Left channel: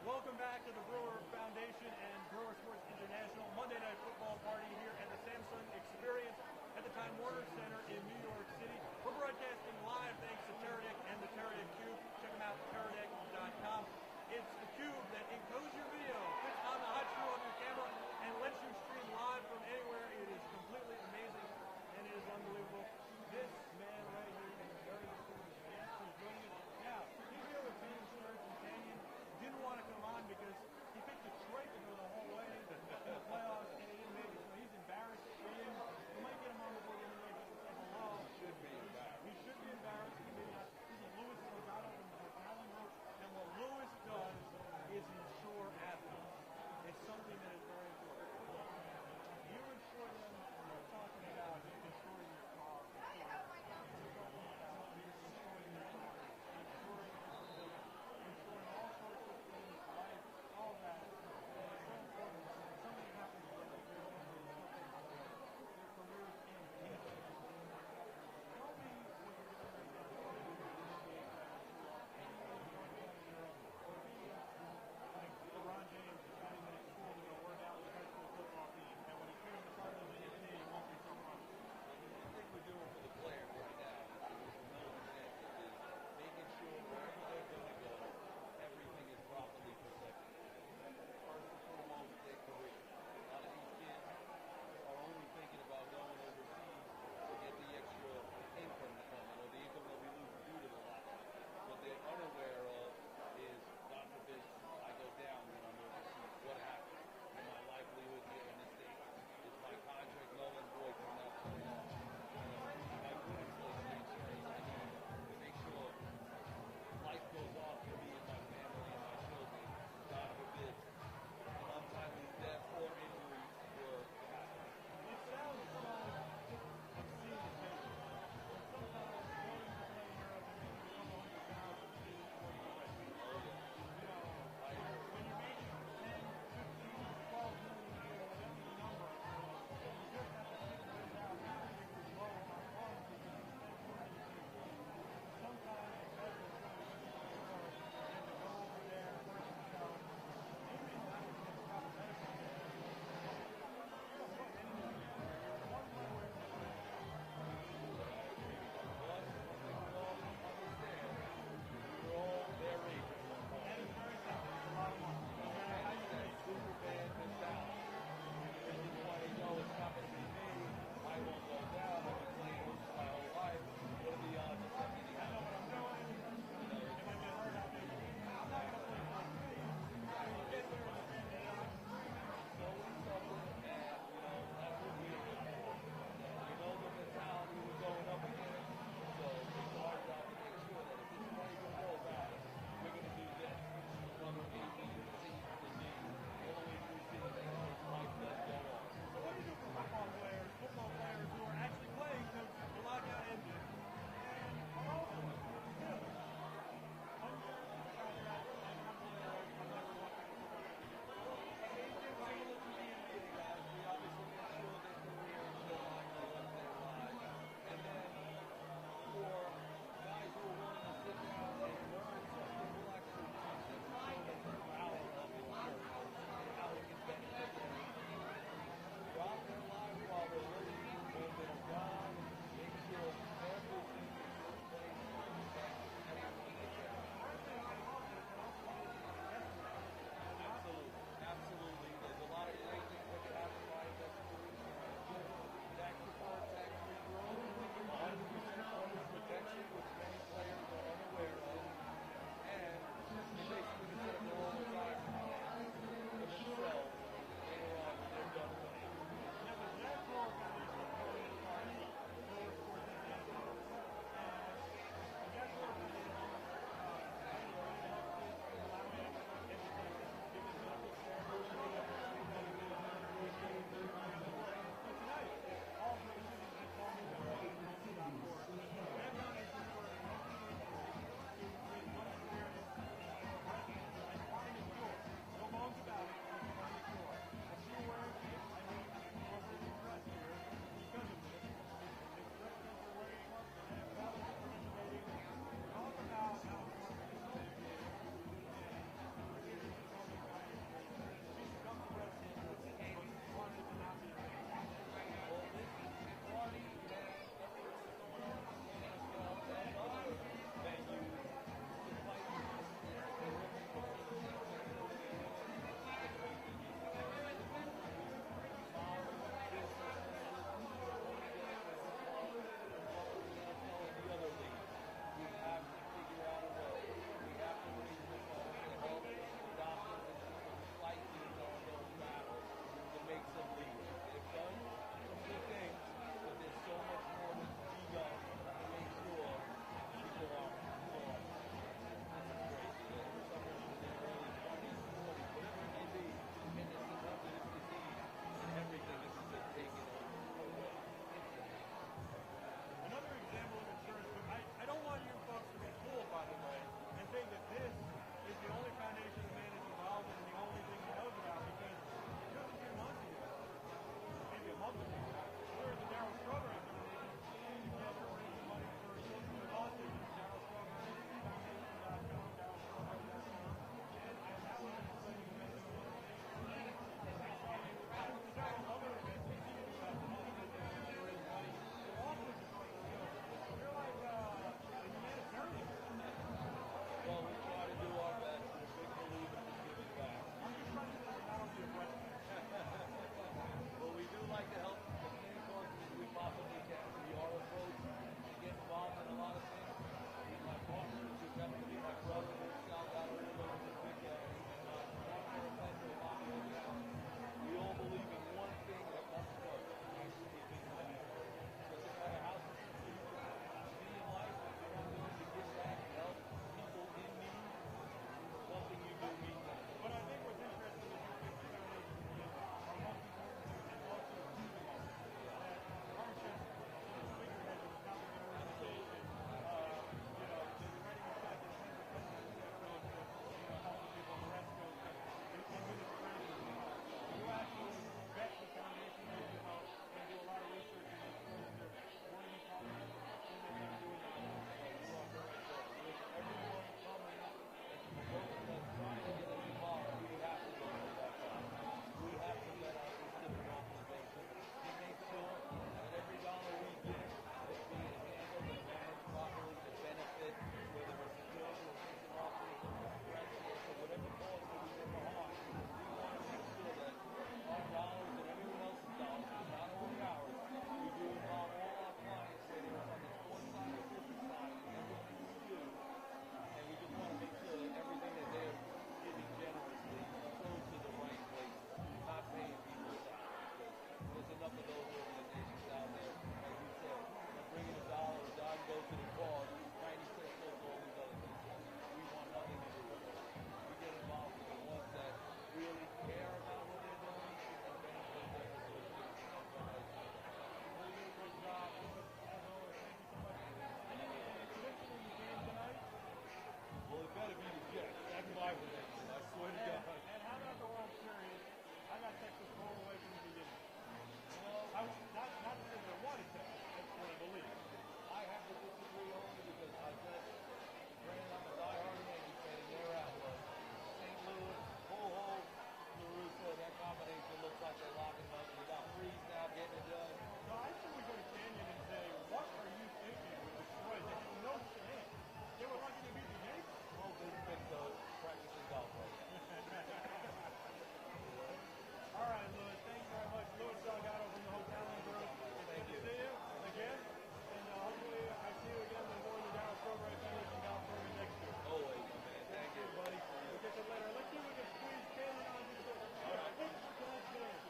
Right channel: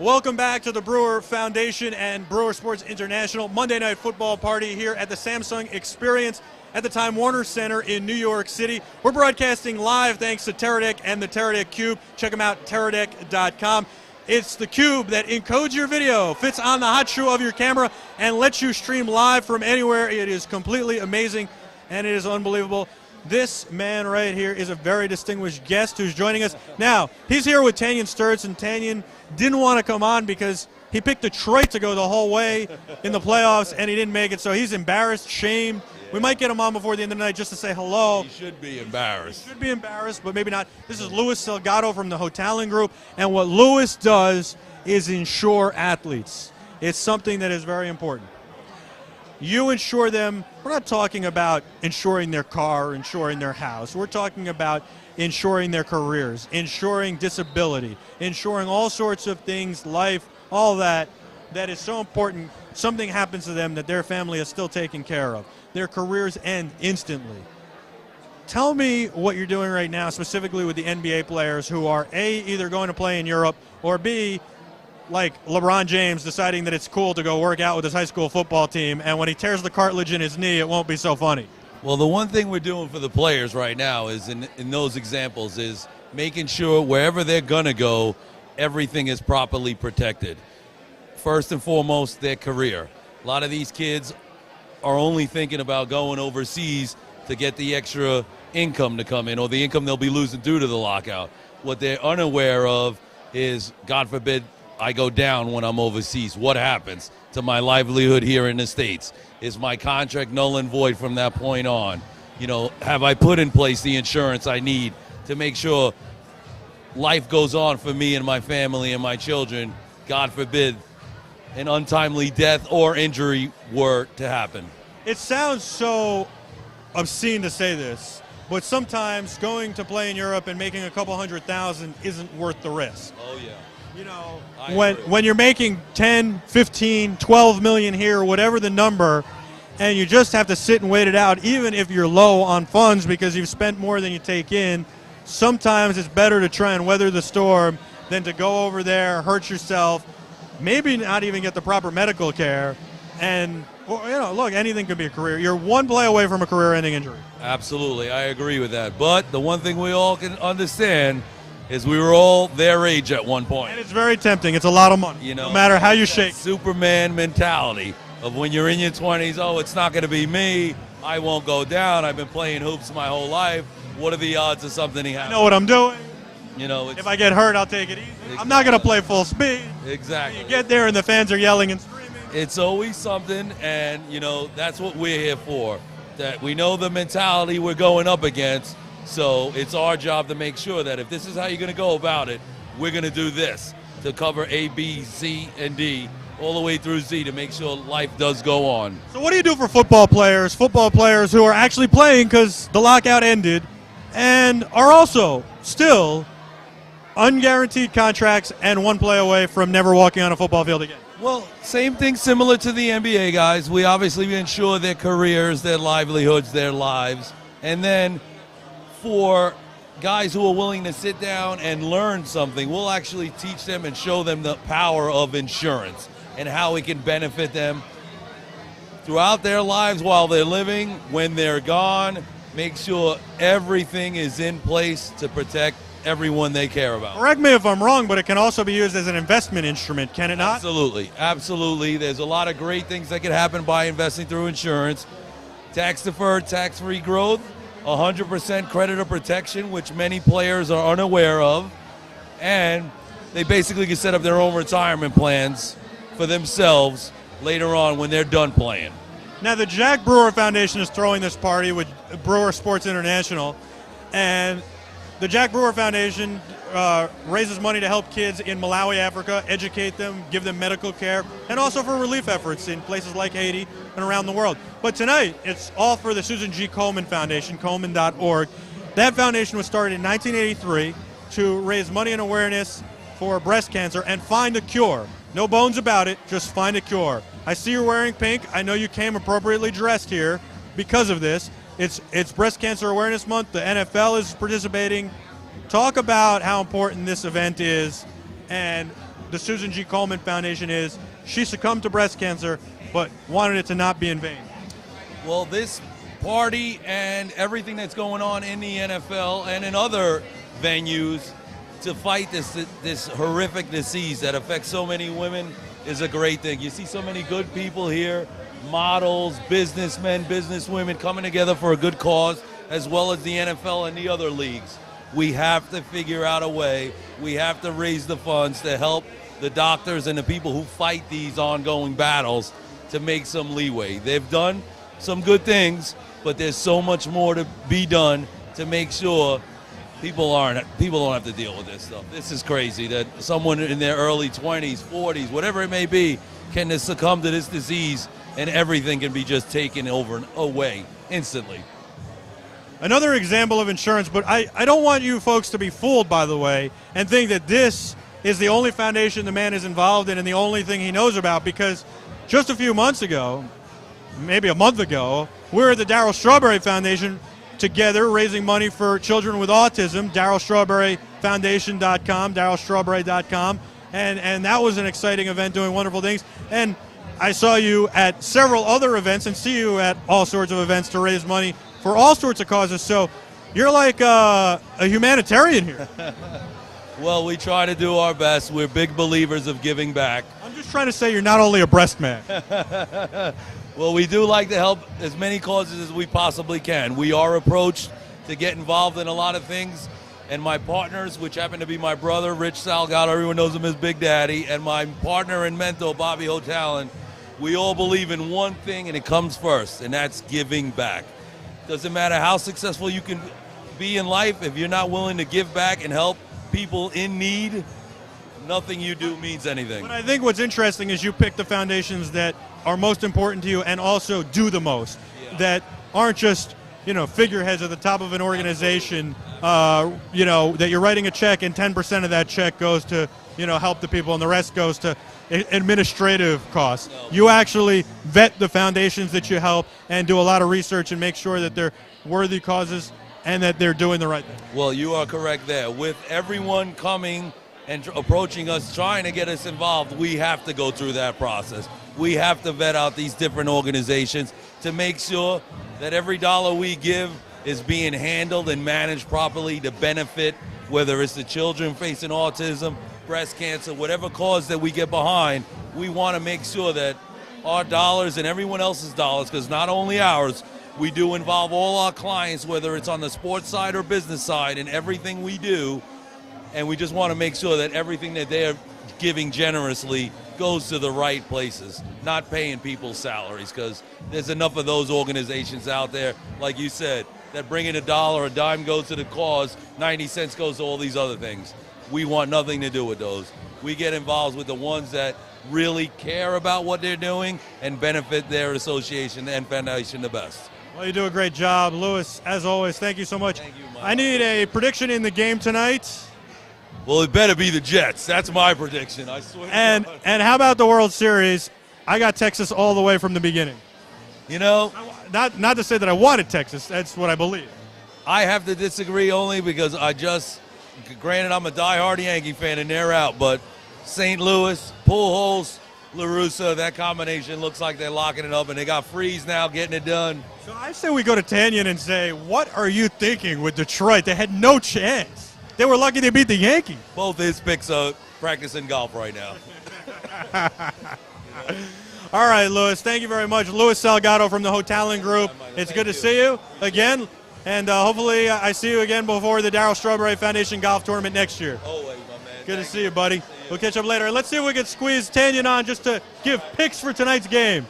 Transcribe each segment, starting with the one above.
Welcome back to the Brewer Foundation and Brewer Sports International Monday Night Football Party here at the Samsung Experience at the Time Warner Center in New York City. We're broadcasting live thanks to Teradek and the Teradek Cube. Check them out, teradek.com. It's the cube that encodes your video, fits on the hot shoe of your camera, and lets you stream live from anywhere. It is completely amazing, and it is unbelievable. This man right here is a very distinguished guest who's joining us. Now, he's here with Tanyan Sturtze, and Tanyan didn't want to come on because he picked Detroit to go the whole way in the playoffs, and he didn't make it, so he's embarrassed, shamed. We might get him on before the end of the night just to say hello. He should be embarrassed. He should be embarrassed, but maybe not. This is Luis Salgado from the Hotaling Group, and what Luis does is insure athletes. It's something that is very important. You insure them. We're not talking about insuring their car, insuring their house. We're talking about insuring their careers, insuring disability, insuring all sorts of things, life, all that is so important. Something happens to them that their family is still taken care of. Their careers end instantly. Tell me what you're doing right now, specifically with the NBA players who are A, either going to play in Europe, or B, like LeBron James deciding that it's cool to go work out with his high school football team, and when he tears the cartilage in his knee, it won't be so funny. Well, the one thing we're doing for the players right now is in those examples is making sure wherever they're going to go, everything is properly protected. First and foremost, their career. A lot of these kids are only thinking about going overseas to get the extra income to come in or the income they'll be losing due to the lockout. What they're unaware of is, God forbid, I go down when I'm overseas. What happens to my livelihood here in the States? Is my contract null and void from that point on? You know, have I put in place the insurance I need to make sure life goes on for me and my family and my children? God forbid an untimely death or injury were to happen. It sounds so obscene to say this, but sometimes going to play in Europe and making a couple $100,000 isn't worth the risk. Oh, yeah. You know, I when you're making 10, 15, 12 million here, whatever the number, and you just have to sit and wait it out, even if you're low on funds because you've spent more than you take in, sometimes it's better to try and weather the storm than to go over there, hurt yourself, maybe not even get the proper medical care, and, well, you know, look, anything could be a career. You're one play away from a career-ending injury. Absolutely, I agree with that. But the one thing we all can understand is we were all their age at one point. And it's very tempting. It's a lot of money, you know, no matter how you shake. Superman mentality of when you're in your 20s, oh, it's not going to be me. I won't go down. I've been playing hoops my whole life. What are the odds of something I happening? know what I'm doing. You know, If I get hurt, I'll take it easy. Exactly. I'm not going to play full speed. Exactly. You get there and the fans are yelling and screaming. It's always something, and, you know, that's what we're here for. That we know the mentality we're going up against, so it's our job to make sure that if this is how you're going to go about it, we're going to do this to cover A, B, C, and D, all the way through Z to make sure life does go on. So what do you do for football players who are actually playing because the lockout ended and are also still unguaranteed contracts and one play away from never walking on a football field again? Well, same thing similar to the NBA guys. We obviously ensure their careers, their livelihoods, their lives. And then for guys who are willing to sit down and learn something, we'll actually teach them and show them the power of insurance and how it can benefit them throughout their lives while they're living, when they're gone. Make sure everything is in place to protect everyone they care about. Correct me if I'm wrong, but it can also be used as an investment instrument, can it not? Absolutely, absolutely. There's a lot of great things that can happen by investing through insurance. Tax-deferred, tax-free growth, 100% creditor protection, which many players are unaware of, and they basically can set up their own retirement plans for themselves later on when they're done playing. Now, the Jack Brewer Foundation is throwing this party with Brewer Sports International, and the Jack Brewer Foundation raises money to help kids in Malawi, Africa, educate them, give them medical care, and also for relief efforts in places like Haiti and around the world. But tonight, it's all for the Susan G. Komen Foundation, Komen.org. That foundation was started in 1983 to raise money and awareness for breast cancer and find a cure. No bones about it, just find a cure. I see you're wearing pink. I know you came appropriately dressed here because of this. It's Breast Cancer Awareness Month. The NFL is participating. Talk about how important this event is and the Susan G. Komen Foundation is. She succumbed to breast cancer, but wanted it to not be in vain. Well, this party and everything that's going on in the NFL and in other venues to fight this horrific disease that affects so many women is a great thing. You see so many good people here, models, businessmen, businesswomen coming together for a good cause, as well as the NFL and the other leagues. We have to figure out a way. We have to raise the funds to help the doctors and the people who fight these ongoing battles to make some leeway. They've done some good things, but there's so much more to be done to make sure people don't have to deal with this stuff. This is crazy that someone in their early 20s, 40s, whatever it may be, can succumb to this disease and everything can be just taken over and away instantly. Another example of insurance, but I don't want you folks to be fooled, by the way, and think that this is the only foundation the man is involved in and the only thing he knows about, because just a few months ago, maybe a month ago, we were at the Darryl Strawberry Foundation together raising money for children with autism, DarrylStrawberryFoundation.com, DarrylStrawberry.com, and that was an exciting event doing wonderful things. And I saw you at several other events and see you at all sorts of events to raise money for all sorts of causes. So you're like a humanitarian here. Well, we try to do our best. We're big believers of giving back. I'm just trying to say you're not only a breast man. Well, we do like to help as many causes as we possibly can. We are approached to get involved in a lot of things, and my partners, which happen to be my brother, Rich Salgado, everyone knows him as Big Daddy, and my partner and mentor, Bobby Hotalon, we all believe in one thing, and it comes first, and that's giving back. Doesn't matter how successful you can be in life, if you're not willing to give back and help people in need, nothing you do means anything. But I think what's interesting is you pick the foundations that are most important to you and also do the most, that aren't just, figureheads at the top of an organization, that you're writing a check and 10% of that check goes to, help the people and the rest goes to administrative costs. You actually vet the foundations that you help and do a lot of research and make sure that they're worthy causes and that they're doing the right thing. Well, you are correct there. With everyone coming and approaching us, trying to get us involved, we have to go through that process. We have to vet out these different organizations to make sure that every dollar we give is being handled and managed properly to benefit, whether it's the children facing autism, breast cancer, whatever cause that we get behind. We want to make sure that our dollars and everyone else's dollars, because not only ours, we do involve all our clients, whether it's on the sports side or business side, in everything we do, and we just want to make sure that everything that they're giving generously goes to the right places, not paying people's salaries, because there's enough of those organizations out there, like you said, that bring in a dollar, a dime goes to the cause, 90 cents goes to all these other things. We want nothing to do with those. We get involved with the ones that really care about what they're doing and benefit their association and foundation the best. Well, you do a great job. Louis, as always, thank you so much. Thank you, Mike. I need a prediction in the game tonight. Well, it better be the Jets. That's my prediction, I swear. And how about the World Series? I got Texas all the way from the beginning. Not to say that I wanted Texas. That's what I believe. I have to disagree only because granted, I'm a diehard Yankee fan and they're out, but St. Louis, Pujols, La Russa, that combination looks like they're locking it up, and they got Freeze now getting it done. So I say we go to Tanyan and say, what are you thinking with Detroit? They had no chance. They were lucky they beat the Yankees. Both his picks are practicing golf right now. All right, Louis, thank you very much. Louis Salgado from the Hotalon Group. It's good to see you again, and hopefully I see you again before the Darryl Strawberry Foundation Golf Tournament next year. Always, my man. Good to see you, buddy. We'll catch up later. Let's see if we can squeeze Tanyan on just to give picks for tonight's game.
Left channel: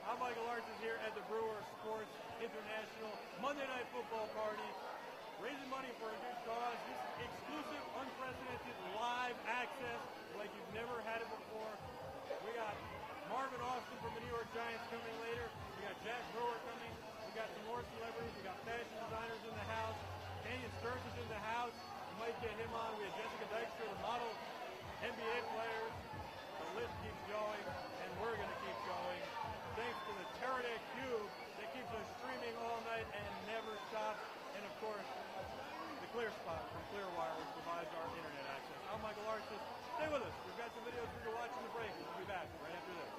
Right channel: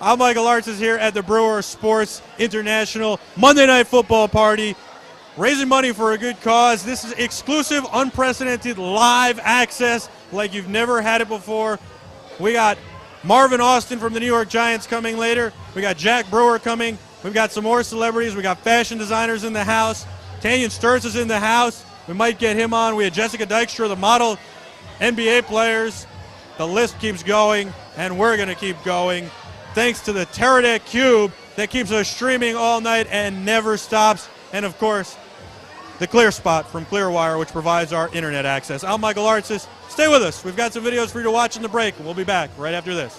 I'm Michael Artz is here at the Brewer Sports International Monday Night Football Party, raising money for a good cause. This is exclusive, unprecedented live access like you've never had it before. We got Marvin Austin from the New York Giants coming later. We got Jack Brewer coming. We've got some more celebrities. We got fashion designers in the house. Tanyan Sturtz is in the house. We might get him on. We had Jessica Dykstra, the model, NBA players. The list keeps going, and we're going to keep going. Thanks to the Teradek Cube that keeps us streaming all night and never stops. And, of course, the Clear Spot from Clearwire, which provides our internet access. I'm Michael Artsis. Stay with us. We've got some videos for you to watch in the break, and we'll be back right after this.